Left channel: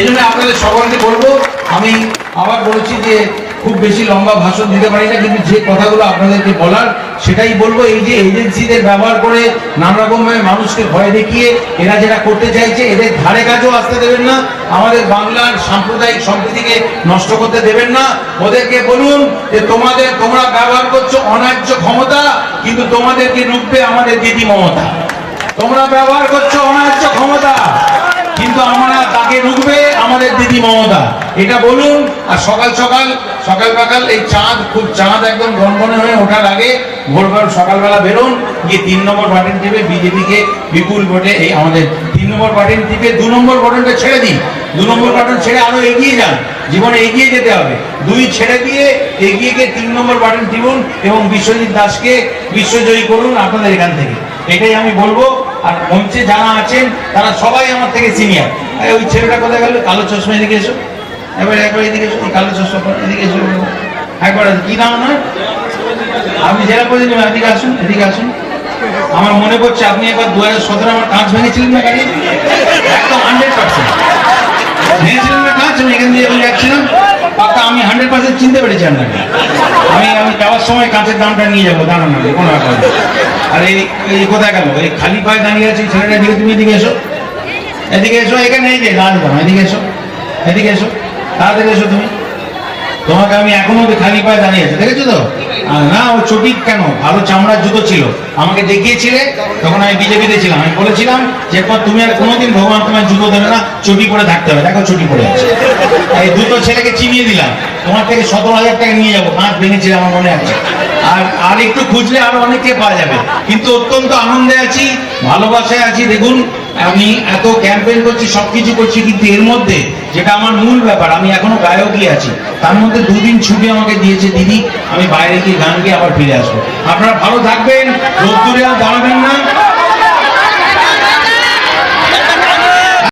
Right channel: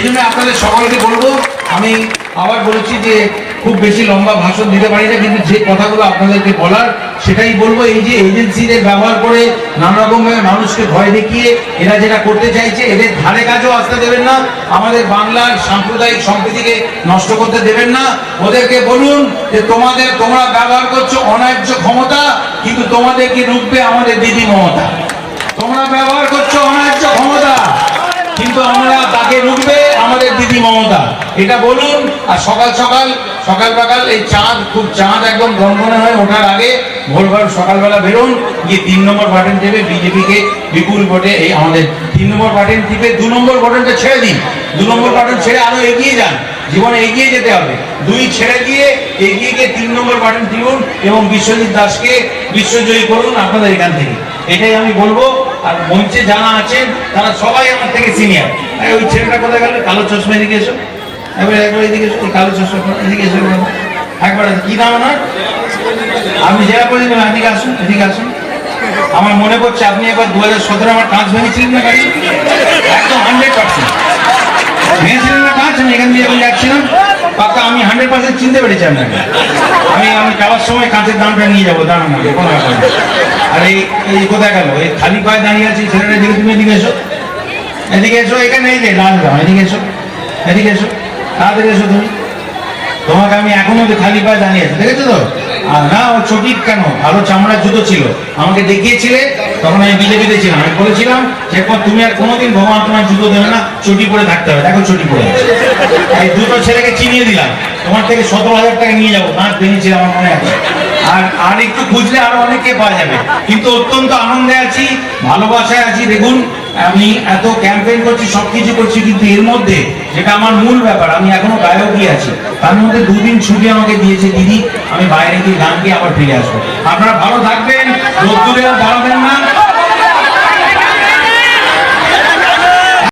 সেই জন্য আপনাদের সকলকে বলব, আমি আবার বলেছি যে খুব বেশি লম্বা ভাষণ দিতে পারি না, কিন্তু যে কথাগুলো আপনাদেরকে বলার সেটাই বলব। এই যে এজেন্সিদের ব্যবহার করে নানা রকম মানুষকে ভয় দেখিয়ে এরা যেটা করতে চাইছে, এদের ধারে কাজেও আসতে দেবেন না, আমাদের বাংলার সাম্প্রদায়িক সম্প্রীতিকে নষ্ট করতে দেবেন না। ওদেরকে বলুন যে তোমাদের, তোমরা ব্যবহার করছ অন্যায্য ক্ষমতা, কিন্তু তোমাদেরকে রুখবে আমাদের দিদি মমতা। তোমরা ব্যবহার করছ অন্যায্য ক্ষমতা, কিন্তু আমরা তাকে রুখবে আমাদের দিদি মমতা। এটা বলুন, আর সকাল সকাল সকাল সকাল এই চাঁদ, খুব চাঁদ একদম গনগনে হয়ে ওঠার আগে ভোরবেল সকালবেলা বেরোন, গিয়ে তিন নম্বর বাটন টিপে বিজেপিকে বিপুল ভোটে এই আমাদের তিন নম্বর বাটন টিপে দু নম্বর বাটনটা ছেড়ে দিন। দু নম্বর বাটন ছেড়ে আরও এগিয়ে যান। জীবনে এগিয়ে যেতে হবে। দুই ছেড়ে দিয়ে এগিয়ে গিয়ে তিন নম্বর বাটন টিপুন এবং বিশ্বজিৎ দাসকে বিশ্বজয়ী করুন আপনাদের এখান থেকে। এটাই আমি বলব। আর মঞ্চে যারা আছেন, তারা সবাই আমার থেকে সিনিয়র ওই ছেলেটা কোথায় গেল? কালো চশমা এদিকে এসো। এবার একবার এদিকে এসো কালো চশমা এদিকে এসো। একবার, কি নাম আমার আপনি জেলা প্রতিনিধি, এদিকে আসুন এদিকে আসুন। আমার মনে পড়ছে আপনি একবার দু হাজার সতেরো আমার কাঁচ ভেঙেছিলেন না একদম হান্ড্রেড পার্সেন্ট ভেঙেছিলেন না কাঁচ আমি এখান দিয়ে যখন যাচ্ছিলাম। আমি হান্ড্রেড পার্সেন্ট চিনতে পেরেছি আপনাকে। আমি আমি যাওয়ার সময় কাঁচের দামটা নিয়ে যাব দাঁড়ানো না কোনো। আর এই এই কোথায় গেল? এই খালি পায়ে দাঁড়িয়ে আছে, ছেলেটা দিকে তুমি এদিকে এসো। এদিকে এসো, এখানে এই যে, লাল জামা এদিকে এসো। এদিকে এসো, তাড়াতাড়ি এসো তুমি। তোমাকে আমি এখনও খালি পায়ে দাঁড়িয়ে আছি, দেখেছ তো? না, ও চটির কেন? ভালো চামড়ার জুতো ছিল। আমাকে দেখিয়েছিলে, তখন আমি বিজেপিতে ছিলাম। আমি বলেছিলাম যে এরপর তুমি আর কোনোদিন ভগবান তোমার জুতো দেবে না, চটি পরে থাকতে হবে। দেখো চটি পরে এই দুটো ছেলেকে চিনিয়ে দিলাম। তোমার থেকে সতেরো হাজার টাকা নিয়ে যাব। নাচ ভেঙেছিল আমার মনে আছে। আর আর একটু খুঁজলে আরও অনেককে পাওয়া যাবে। কিন্তু অত্যন্ত আনন্দে আছি, ভালোবাসায় আছি। দেখুন, আমি এত ক্যাম্পেইন করছি, সবকিছু করছি, কিন্তু এর মধ্যে যেটা আমার মূল ব্যাপার, আমি এখনও গায়কই আছি। তার মধ্যে দুদিন ছুটি আমাকে দিয়েছে দিদি। আমি বাইরে গিয়ে গান গিয়ে আবার ফিরে আসব। আপনারা ভালো থাকবেন, রোদ্দুরে আর না।